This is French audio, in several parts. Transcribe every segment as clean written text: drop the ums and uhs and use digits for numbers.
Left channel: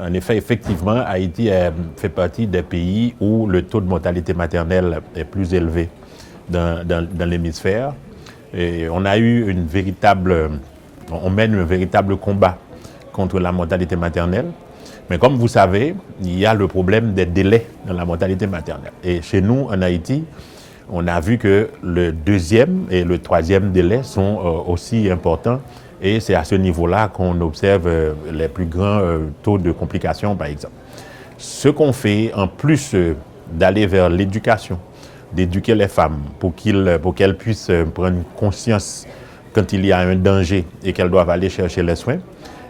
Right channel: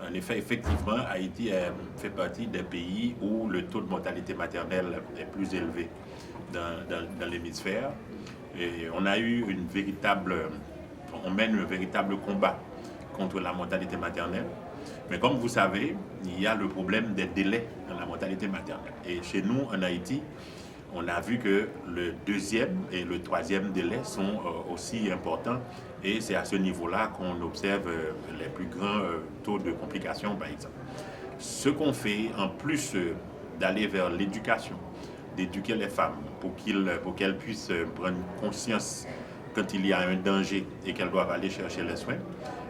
En effet, effectivement, Haïti fait partie des pays où le taux de mortalité maternelle est plus élevé dans l'hémisphère. Et on mène un véritable combat contre la mortalité maternelle. Mais comme vous savez, il y a le problème des délais dans la mortalité maternelle. Et chez nous, en Haïti, on a vu que le deuxième et le troisième délai sont aussi importants. Et c'est à ce niveau-là qu'on observe les plus grands taux de complications, par exemple. Ce qu'on fait, en plus d'aller vers l'éducation, d'éduquer les femmes pour qu'elles puissent prendre conscience quand il y a un danger et qu'elles doivent aller chercher les soins,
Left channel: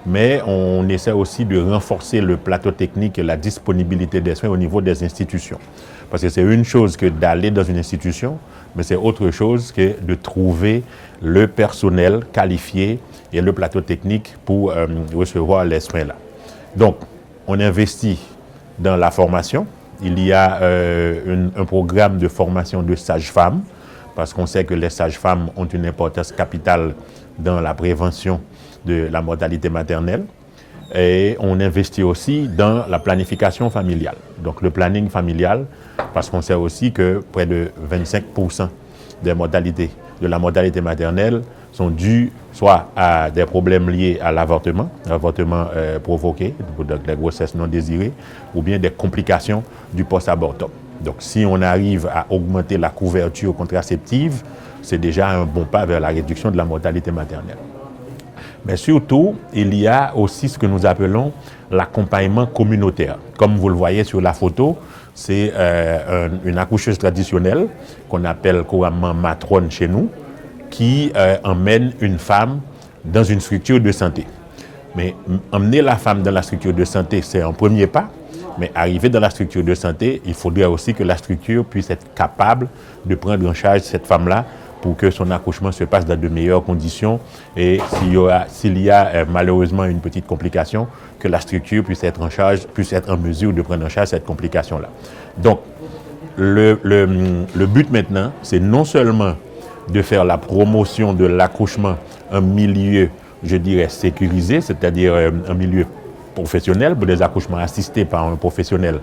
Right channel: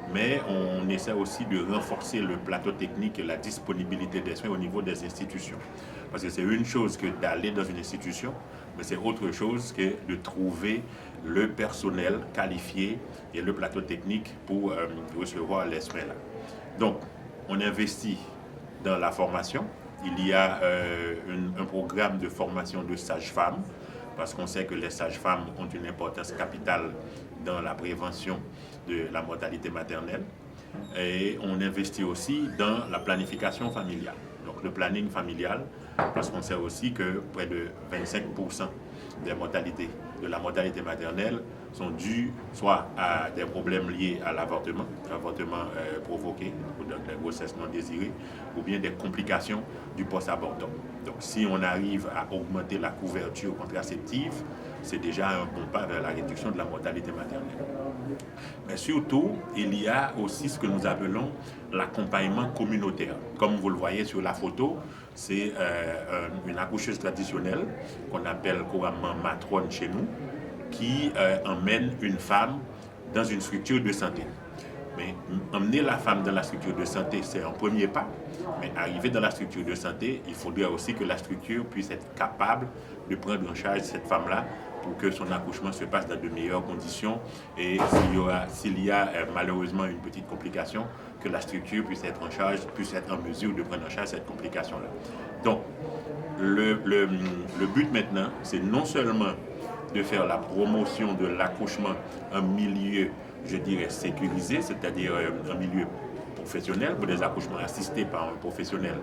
mais on essaie aussi de renforcer le plateau technique et la disponibilité des soins au niveau des institutions. Parce que c'est une chose que d'aller dans une institution, mais c'est autre chose que de trouver le personnel qualifié et le plateau technique pour recevoir les soins là. Donc, on investit dans la formation. Il y a un programme de formation de sages-femmes, parce qu'on sait que les sages-femmes ont une importance capitale dans la prévention de la mortalité maternelle. Et on investit aussi dans la planification familiale. Donc le planning familial, parce qu'on sait aussi que près de 25% de la mortalité maternelle sont dus soit à des problèmes liés à l'avortement provoqué, donc des grossesses non désirées, ou bien des complications du post-abortum. Donc si on arrive à augmenter la couverture contraceptive, c'est déjà un bon pas vers la réduction de la mortalité maternelle. Mais surtout, il y a aussi ce que nous appelons l'accompagnement communautaire. Comme vous le voyez sur la photo, c'est une accoucheuse traditionnelle qu'on appelle couramment matrone chez nous, qui emmène une femme dans une structure de santé. Mais emmener la femme dans la structure de santé, c'est un premier pas. Mais arriver dans la structure de santé, il faudrait aussi que la structure puisse être capable de prendre en charge cette femme-là pour que son accouchement se passe dans de meilleures conditions et s'il y a malheureusement une petite complication, que la structure puisse être en mesure de prendre en charge cette complication-là. Donc, le but maintenant, c'est non seulement de faire la promotion de l'accouchement en milieu, je dirais, sécurisé, c'est-à-dire un milieu professionnel, pour des accouchements assistés par un professionnel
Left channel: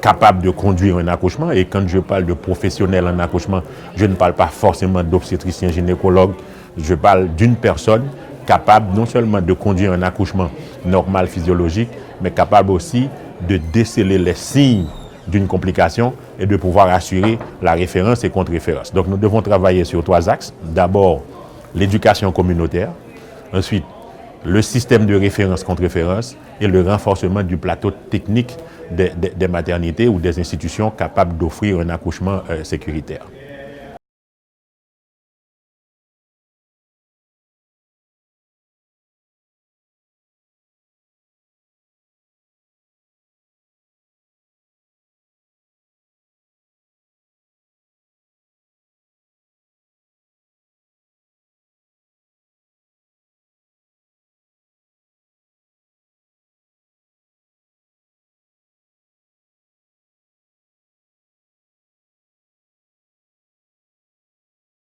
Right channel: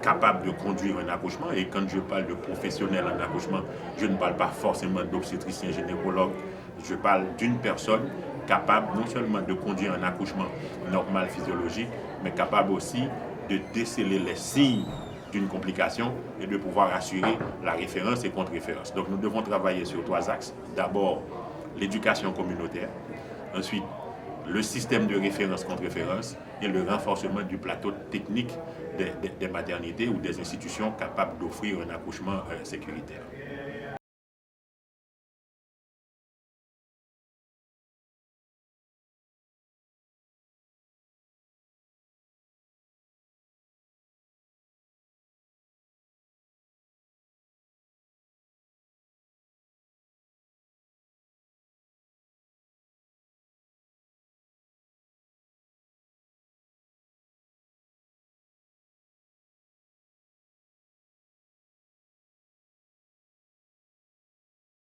capable de conduire un accouchement. Et quand je parle de professionnel en accouchement, je ne parle pas forcément d'obstétricien gynécologue, je parle d'une personne capable non seulement de conduire un accouchement normal, physiologique, mais capable aussi de déceler les signes d'une complication et de pouvoir assurer la référence et contre-référence. Donc nous devons travailler sur 3 axes. D'abord, l'éducation communautaire. Ensuite, le système de référence contre-référence et le renforcement du plateau technique des maternités ou des institutions capables d'offrir un accouchement sécuritaire.